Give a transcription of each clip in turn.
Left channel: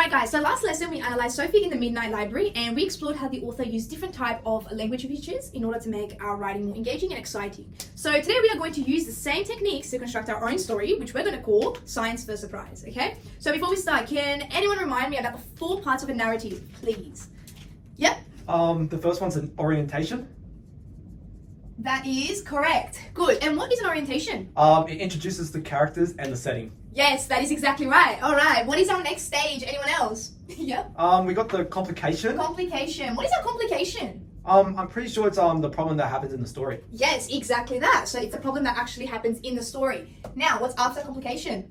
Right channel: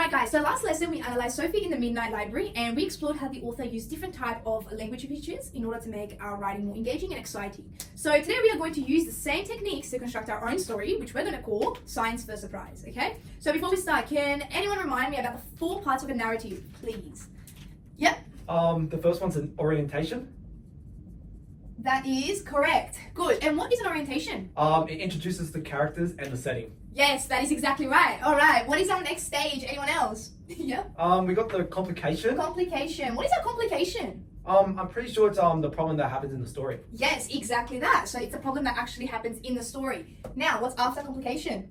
Alright guys, so last lesson we analysed Sophie in the Midnight Library and we explored how the author used different type of language features in order to make our writing more engaging and exciting. So today we are going to use the same techniques to construct our own story, which we're going to call Science for Surprise, okay? So before we start, can anyone remind me about the 4 parts of a narrative, please? Yep. The first one's an orientation. That is correct. Good. And what is an orientation? It introduces the characters and the setting. Yes, that is exactly right. Alright, what is our next stage? Anyone else? Yep. We got the complication. Complication. What is our complication? I'm pretty sure it's the problem that happens in the story. Yes, exactly that. So it's a problem that actually happens in the story. Now, what's after complication?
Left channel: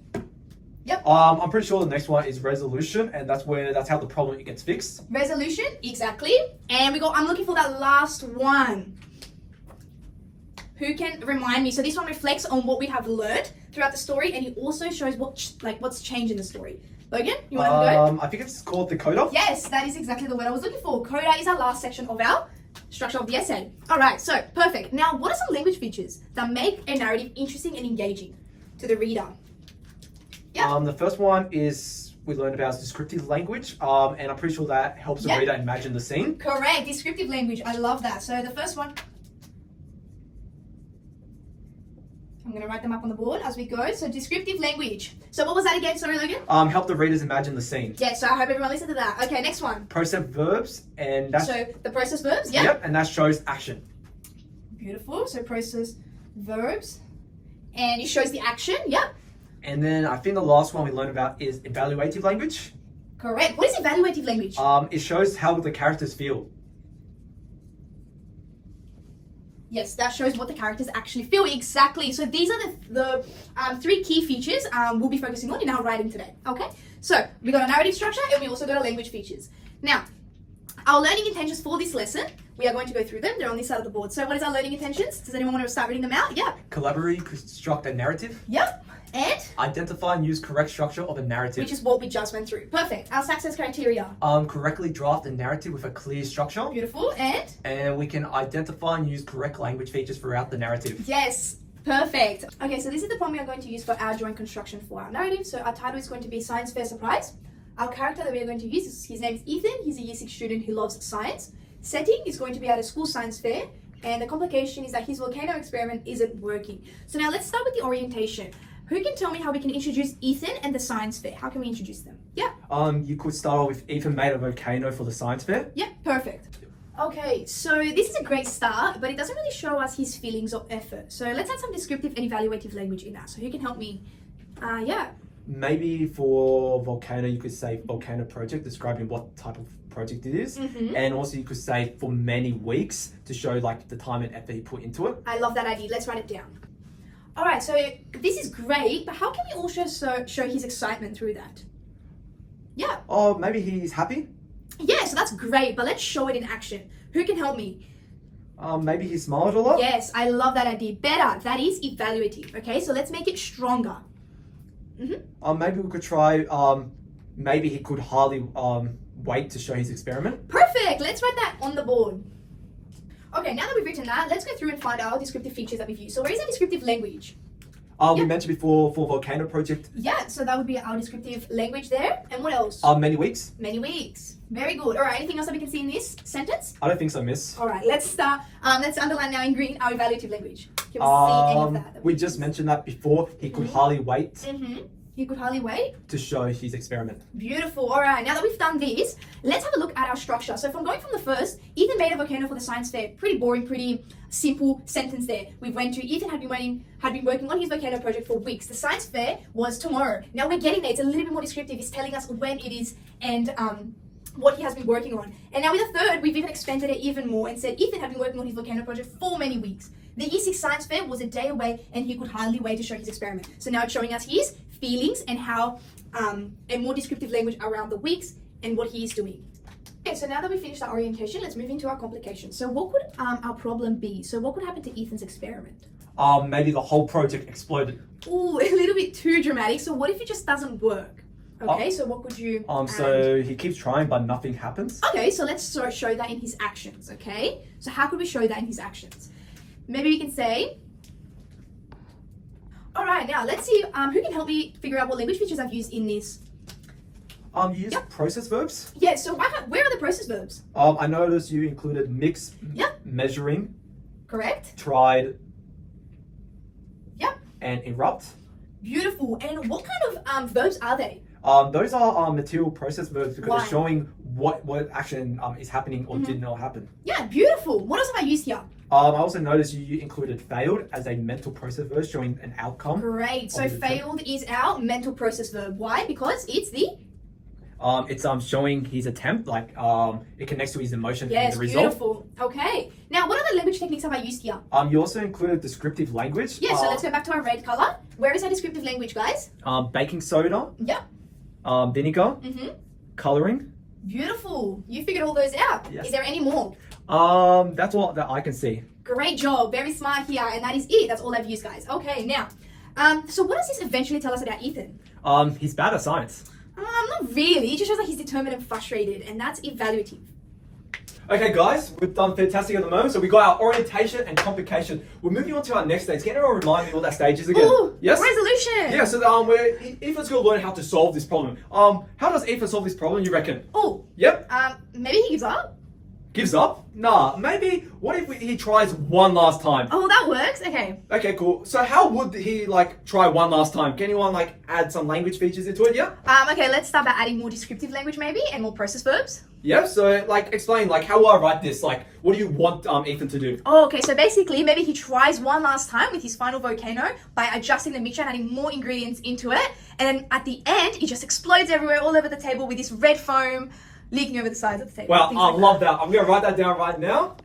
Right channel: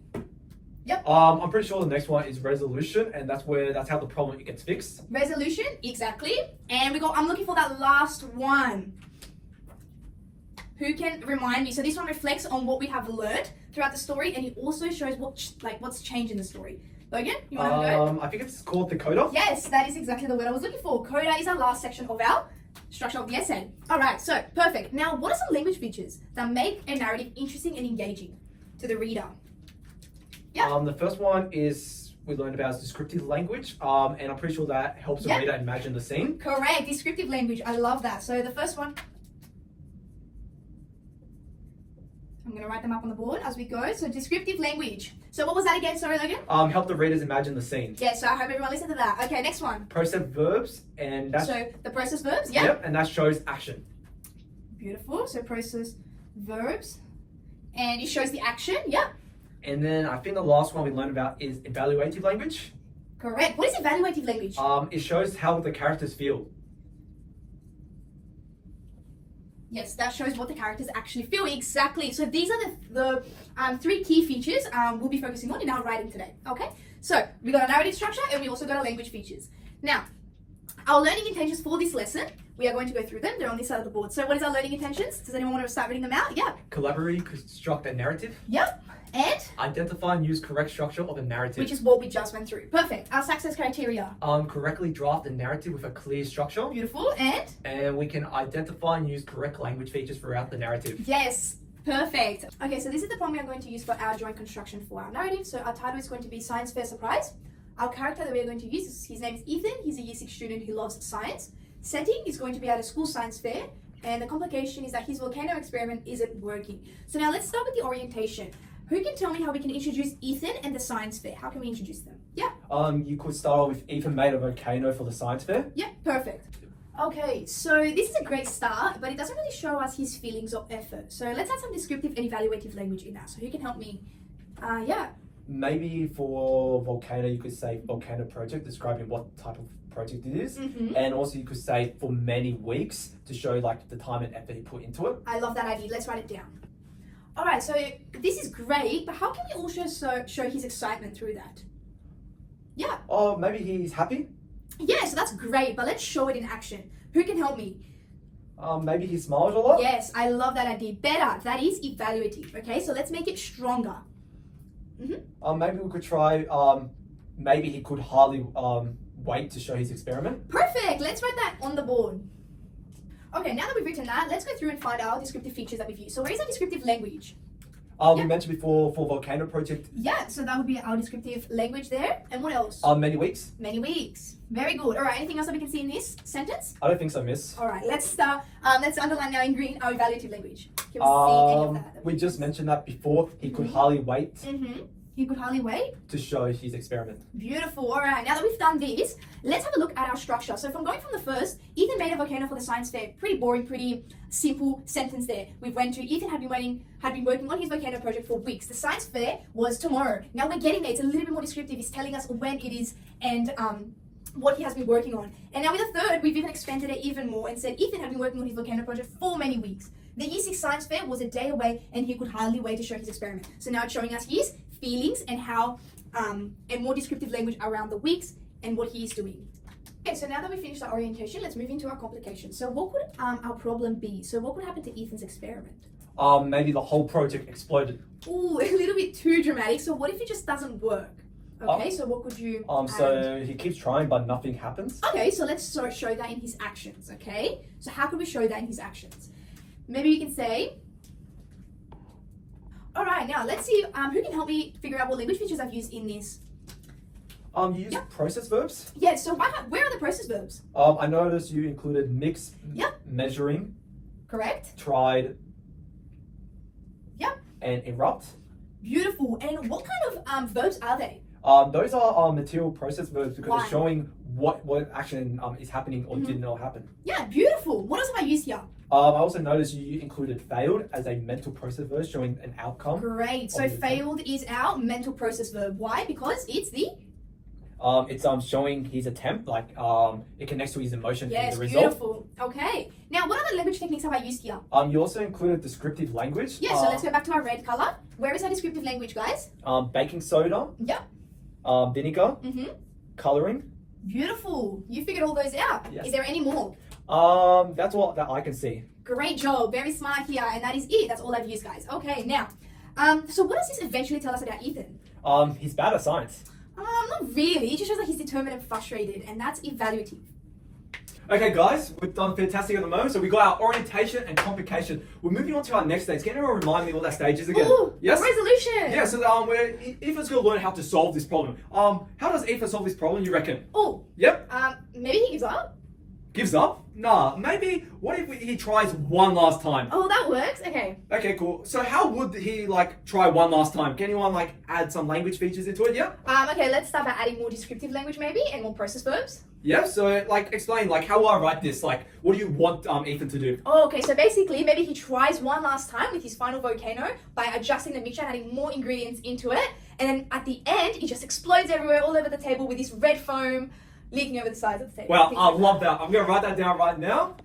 Yep. I'm pretty sure the next one is resolution, and that's how the problem gets fixed. Resolution, exactly. And I'm looking for that last one. Who can remind me? So this one reflects on what we have learned throughout the story, and it also shows what's changed in the story. Logan, you want to go? I think it's called the coda. Yes, that is exactly the word I was looking for. Coda is our last section of our structure of the essay. Alright, so perfect. Now, what are some language features that make a narrative interesting and engaging to the reader? Yeah. The first one is we learned about descriptive language, and I'm pretty sure that helps the reader imagine the scene. Correct, descriptive language. I love that. So the first one, I'm going to write them up on the board as we go. So descriptive language. So what was that again? Sorry, Logan? Help the readers imagine the scene. Yeah, so I hope everyone listened to that. Okay, next one. Process verbs, and that's... So the process verbs, yeah? Yep, and that shows action. Beautiful. So process verbs. And it shows the action, yep. And then I think the last one we learned about is evaluative language. Correct. What is evaluative language? It shows how the characters feel. Yes, that shows what the characters actually feel. Exactly. So these are the 3 key features we'll be focusing on in our writing today. Okay. So we got a narrative structure and we also got our language features. Now, our learning intentions for this lesson, we are going to go through them. They're on this side of the board. So what is our learning intentions? Does anyone want to start reading them out? Yeah. Collaborate, construct a narrative. Yep. And? Identify and use correct structure of a narrative. Which is what we just went through. Perfect. Our success criteria. Correctly draft a narrative with a clear structure. Beautiful. And? And we can identify and use correct language features throughout the narrative. Yes. Perfect. Okay, so this is the prompt we are going to use for our joint construction for our narrative. So our title is going to be Science Fair Surprise. Our character that we are going to use, his name is Ethan. He's a Year 6 student who loves science. Setting is going to be at a school science fair. And the complication is that his volcano experiment isn't working. So now let's start with the orientation. Who can tell me how we can introduce Ethan and the science fair? How can we introduce them? Yeah. You could start off with Ethan made a volcano for the science fair. Yeah, perfect. Okay, so this is a great start, but it doesn't really show us his feelings or effort. So let's add some descriptive and evaluative language in that. So who can help me? Yeah. Maybe for volcano, you could say volcano project, describing what type of project it is. Mm-hmm. And also you could say for many weeks to show like the time and effort he put into it. I love that idea. Let's write it down. All right, so this is great, but how can we also show his excitement through that? Yeah. Oh, maybe he's happy? Yeah, so that's great, but let's show it in action. Who can help me? Maybe he smiled a lot? Yes, I love that idea. Better. That is evaluative, okay? So let's make it stronger. Mm-hmm. Maybe we could try, maybe he could hardly wait to show his experiment. Perfect. Let's write that on the board. Okay, now that we've written that, let's go through and find our descriptive features that we've used. So where is our descriptive language? We mentioned before for volcano project. Yeah, so that would be our descriptive language there. And what else? Many weeks. Many weeks. Very good. All right, anything else that we can see in this sentence? I don't think so, miss. All right, let's start. Let's underline now in green our evaluative language. Can we see any of that? We just mentioned that before. He could hardly wait. Mm-hmm. He could hardly wait to show his experiment. Beautiful. All right, now that we've done this, let's have a look at our structure. So from going from the first, Ethan made a volcano for the science fair. Pretty boring, pretty simple sentence there. We went to Ethan had been working on his volcano project for weeks. The science fair was tomorrow. Now we're getting there. It's a little bit more descriptive. It's telling us when it is and what he has been working on. And now with the third, we've even expanded it even more and said Ethan had been working on his volcano project for many weeks. The Year 6 science fair was a day away and he could hardly wait to show his experiment. So now it's showing us his feelings and how and more descriptive language around the weeks and what he is doing. Okay, so now that we finished our orientation, let's move into our complications. So what could our problem be? So what could happen to Ethan's experiment? Maybe the whole project exploded. Ooh, a little bit too dramatic. So what if it just doesn't work? Okay, so what could you so he keeps trying but nothing happens. Okay, so let's show that in his actions, okay? So how could we show that in his actions? Maybe we can say, all right, now let's see who can help me figure out what language features I've used in this. You use Yep. process verbs. Yeah, so where are the process verbs? I noticed you included mix, Yep. measuring, Correct? tried, Yep. and erupt. Beautiful. And what kind of verbs are they? Those are material process verbs because Why? it's showing what action is happening or did not happen. Yeah, beautiful. What else have I used here? I also noticed you included failed as a mental process verb showing an outcome. Great. So Obviously. failed is our mental process verb. Why? Because it's the It's showing his attempt, like it connects to his emotion yes, and the result. beautiful. Okay. Now, what other language techniques have I used here? You also included descriptive language. Yeah, so let's go back to our red color. Where is our descriptive language, guys? Baking soda, Yep. vinegar, Mm-hmm. coloring. Beautiful. You figured all those out. Yes. Is there any more? That's all that I can see. Great job. Very smart here. And that is it. That's all I've used, guys. Okay, now, so what does this eventually tell us about Ethan? He's bad at science. Not really. It just shows that he's determined and frustrated, and that's evaluative. Okay, guys, we've done fantastic at the moment. So we got our orientation and complication. We're moving on to our next stage. Can anyone remind me what that stage is again? Ooh, Yes. resolution. Yeah. So Ethan's going to learn how to solve this problem. How does Ethan solve this problem? You reckon? Oh, Yep. maybe he gives up. Gives up? Nah. Maybe. What if he tries one last time? Oh, that works. Okay. Okay, cool. So how would he try one last time? Can anyone add some language features into it? Yeah. Okay. Let's start by adding more descriptive language, maybe, and more process verbs. Yeah. So explain how will I write this? What do you want Ethan to do? Oh, okay. So basically, maybe he tries one last time with his final volcano by adjusting the mixture and adding more ingredients into it, and at the end, it just explodes everywhere, all over the table with this red foam leaking over the sides of the table. Wow, Things I like love that. I'm going to write that down right now.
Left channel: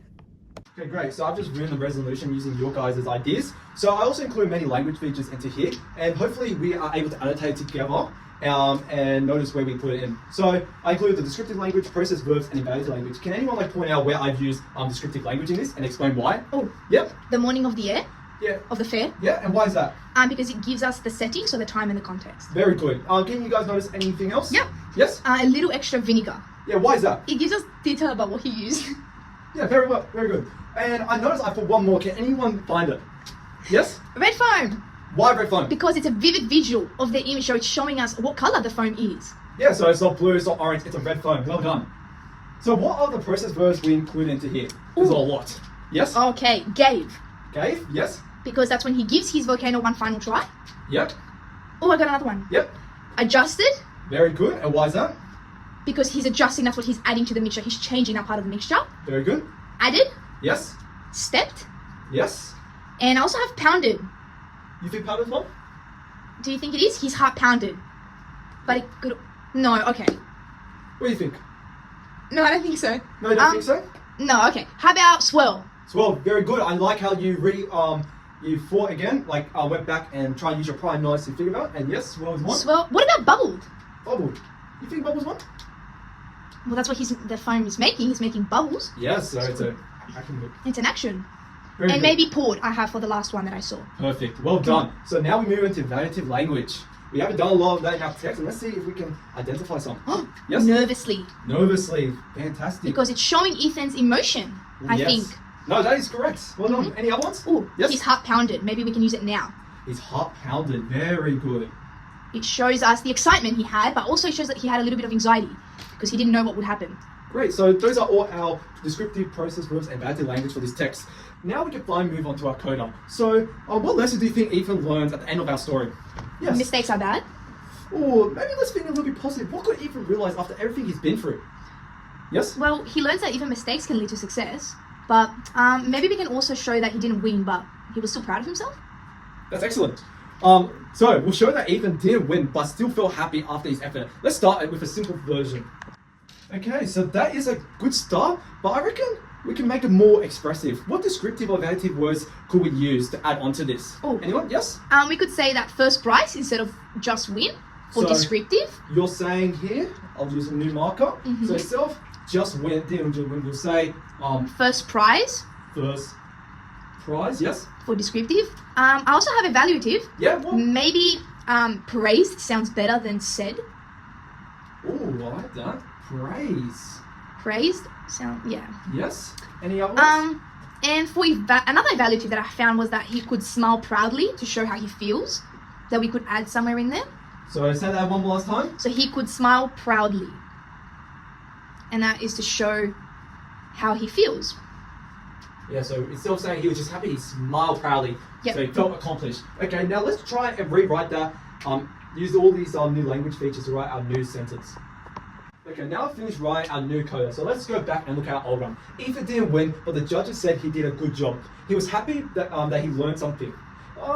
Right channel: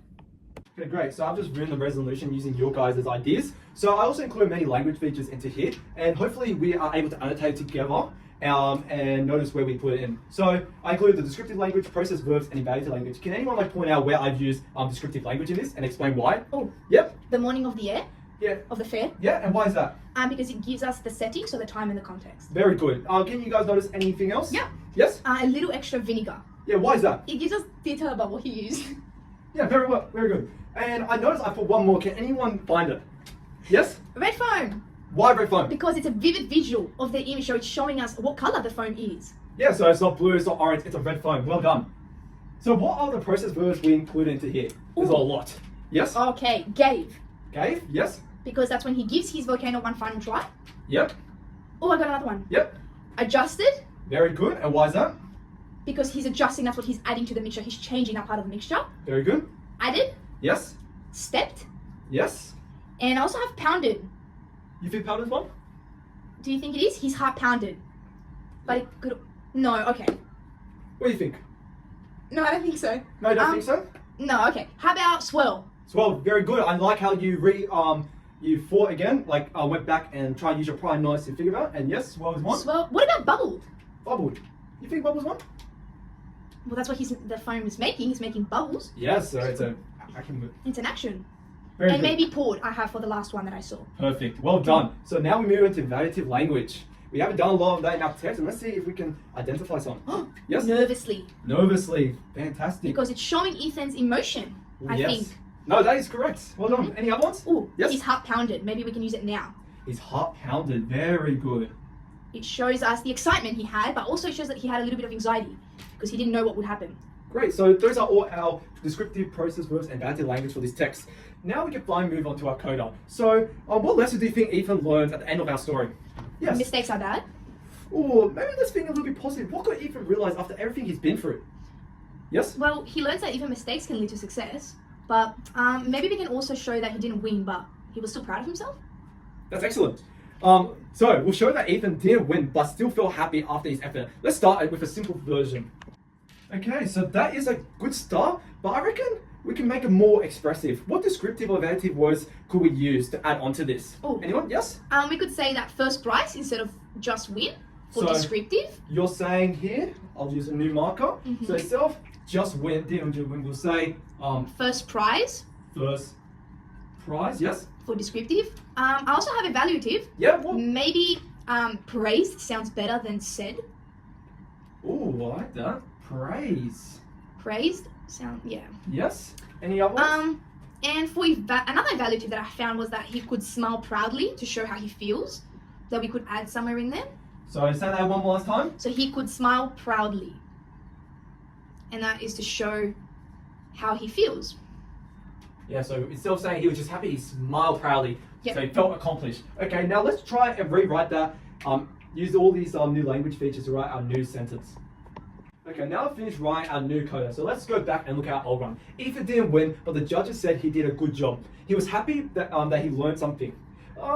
Okay, great. So I've just written the resolution using your guys' ideas. So I also include many language features into here, and hopefully we are able to annotate together and notice where we put it in. So I include the descriptive language, process verbs, and evaluative language. Can anyone point out where I've used descriptive language in this and explain why? Oh. Yep. The morning of the year Yeah. of the fair. Yeah, and why is that? Because it gives us the setting, so the time and the context. Very good. Can you guys notice anything else? Yep. Yes? A little extra vinegar. Yeah, why is that? It gives us detail about what he used. Yeah, very well. Very good. And I noticed I put one more. Can anyone find it? Yes? Red foam. Why red foam? Because it's a vivid visual of the image, so it's showing us what color the foam is. Yeah, so it's not blue, it's not orange, it's a red foam. Well done. So what are the process verbs we include into here? There's a lot. Yes? Okay, gave. Gave? Yes? Because that's when he gives his volcano one final try. Yep. Oh, I got another one. Yep. Adjusted. Very good. And why is that? Because he's adjusting, that's what he's adding to the mixture. He's changing that part of the mixture. Very good. Added. Yes? Stepped. Yes? And I also have pounded. You think powdered one? Do you think it is? His heart pounded. But it could... No, okay. What do you think? No, I don't think so. No, you don't think so? No, okay. How about swirl? Swirl, very good. I like how you you thought again, went back and tried to use your prior knowledge to figure out. And yes, swirl is one. Swirl. What about bubbled? Bubbled. You think bubbles one? Well, that's what the foam is making. He's making bubbles. Yes, so it's It's an action. very And good. maybe poured I have for the last one that I saw. Perfect. Well done. So now we move into evaluative language. We haven't done a lot of that in our text, and let's see if we can identify some. Yes? Nervously. Nervously. Fantastic. Because it's showing Ethan's emotion, I Yes. think. No, that is correct. Well done. Any other ones? Ooh, Yes. his heart pounded. Maybe we can use it now. His heart pounded. Very good. It shows us the excitement he had, but also shows that he had a little bit of anxiety because he didn't know what would happen. Great. So those are all our descriptive process verbs and evaluative language for this text. Now we can finally move on to our coda. So what lesson do you think Ethan learns at the end of our story? Yes. Mistakes are bad. Or maybe let's think a little bit positive. What could Ethan realize after everything he's been through? Yes? Well, he learns that even mistakes can lead to success, but maybe we can also show that he didn't win, but he was still proud of himself. That's excellent. So we'll show that Ethan didn't win, but still felt happy after his effort. Let's start with a simple version. Okay, so that is a good start, but I reckon we can make it more expressive. What descriptive or evaluative words could we use to add on to this? Oh. Anyone? Yes? We could say that first prize instead of just win, or So- descriptive. You're saying here, I'll use a new marker. Mhm. So instead of just win, didn't win, we'll say First prize first prize. Yes? for descriptive. I also have evaluative. Yeah, what? Maybe praised sounds better than said. Oh, I like that. Praise. Praised sound, yeah. Yes? Any other ones? And for another evaluative that I found was that he could smile proudly to show how he feels. That we could add somewhere in there. So say that one more last time. So he could smile proudly. And that is to show how he feels. Yeah, so instead of saying he was just happy, he smiled proudly. Yep. So he felt accomplished. Okay, now let's try and rewrite that. Use all these new language features to write our new sentence. Okay, now I've finished writing our new coda. So let's go back and look at our old one. Ethan didn't win, but the judges said he did a good job. He was happy that he learned something.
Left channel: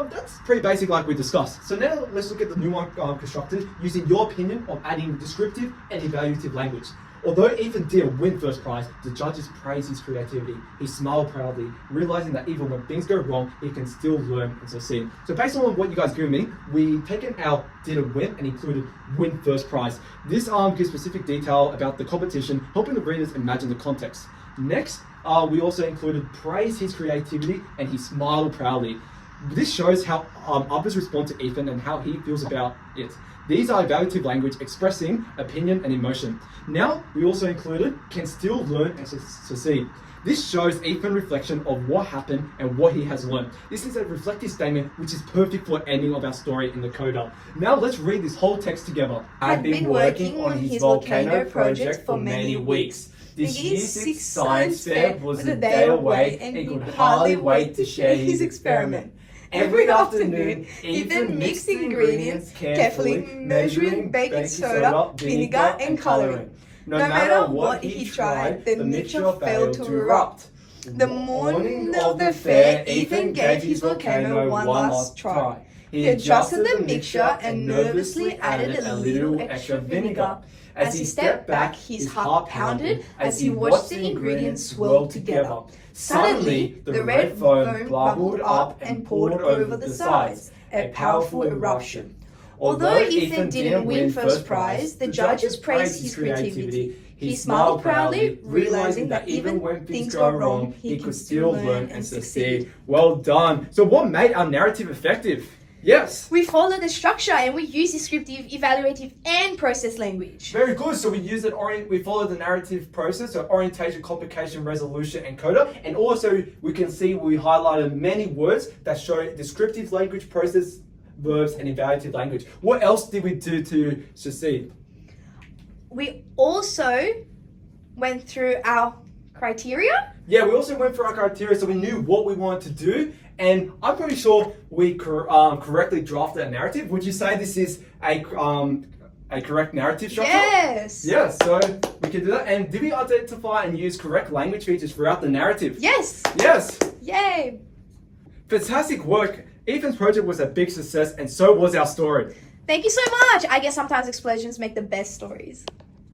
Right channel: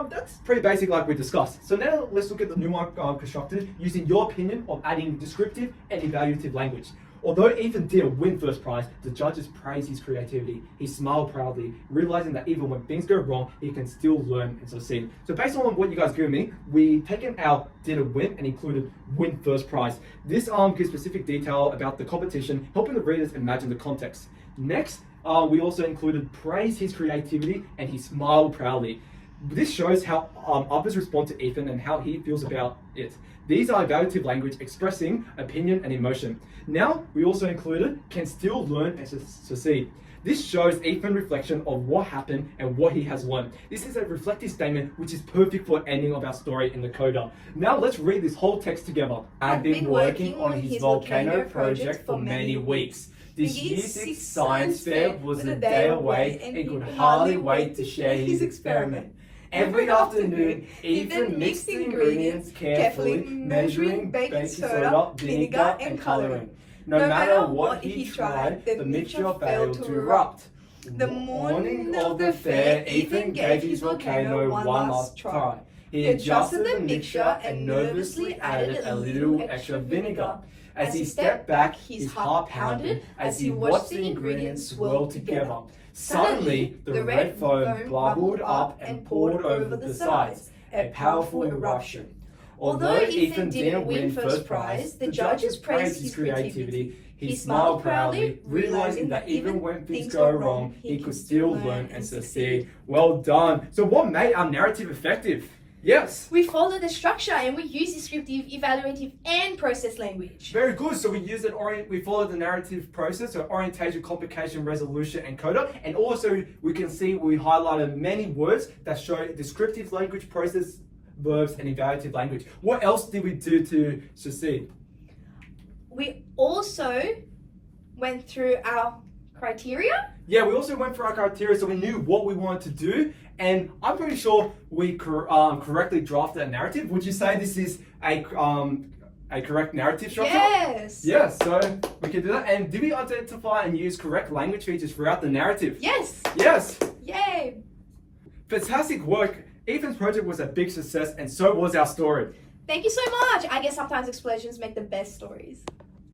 That's pretty basic like we discussed. So now let's look at the new one constructed using your opinion of adding descriptive and evaluative language. Although Ethan didn't win first prize, the judges praised his creativity. He smiled proudly, realizing that even when things go wrong, he can still learn and succeed. So based on what you guys gave me, we've taken our didn't win and included win first prize. This gives specific detail about the competition, helping the readers imagine the context. Next, we also included praise his creativity and he smiled proudly. This shows how others respond to Ethan and how he feels about it. These are evaluative language expressing opinion and emotion. Now, we also included can still learn and succeed. This shows Ethan's reflection of what happened and what he has learned. This is a reflective statement which is perfect for ending of our story in the coda. Now let's read this whole text together. Had been working on his volcano project for many weeks. This year's sixth science fair was a day away and he could hardly wait to share his experiment. Every afternoon, Ethan mixed the ingredients carefully, measuring baking soda, vinegar, and coloring. No matter what he tried, the mixture failed to erupt. The morning of the fair, Ethan gave his volcano one last try. He adjusted the mixture and nervously added a little extra vinegar. As he stepped back, his heart pounded as he watched the ingredients swirl together. Suddenly, the red foam bubbled up and poured over the sides, a powerful eruption. Although Ethan didn't win first prize, the judges praised his creativity. He smiled proudly, realizing that even when things go wrong, he could still learn and succeed. Well done. So what made our narrative effective? Yes. We follow the structure and we use descriptive, evaluative, and process language. Very good. So we use it. We follow the narrative process, so orientation, complication, resolution, and coda. And also we can see we highlighted many words that show descriptive language, process, verbs, and evaluative language. What else did we do to succeed? We also went through our criteria. Yeah, we also went through our criteria, so we knew what we wanted to do. And I'm pretty sure we correctly drafted a narrative. Would you say this is a correct narrative structure? Yes. Yes, so we can do that. And did we identify and use correct language features throughout the narrative? Yes. Yes. Yay. Fantastic work. Ethan's project was a big success and so was our story. Thank you so much. I guess sometimes explosions make the best stories.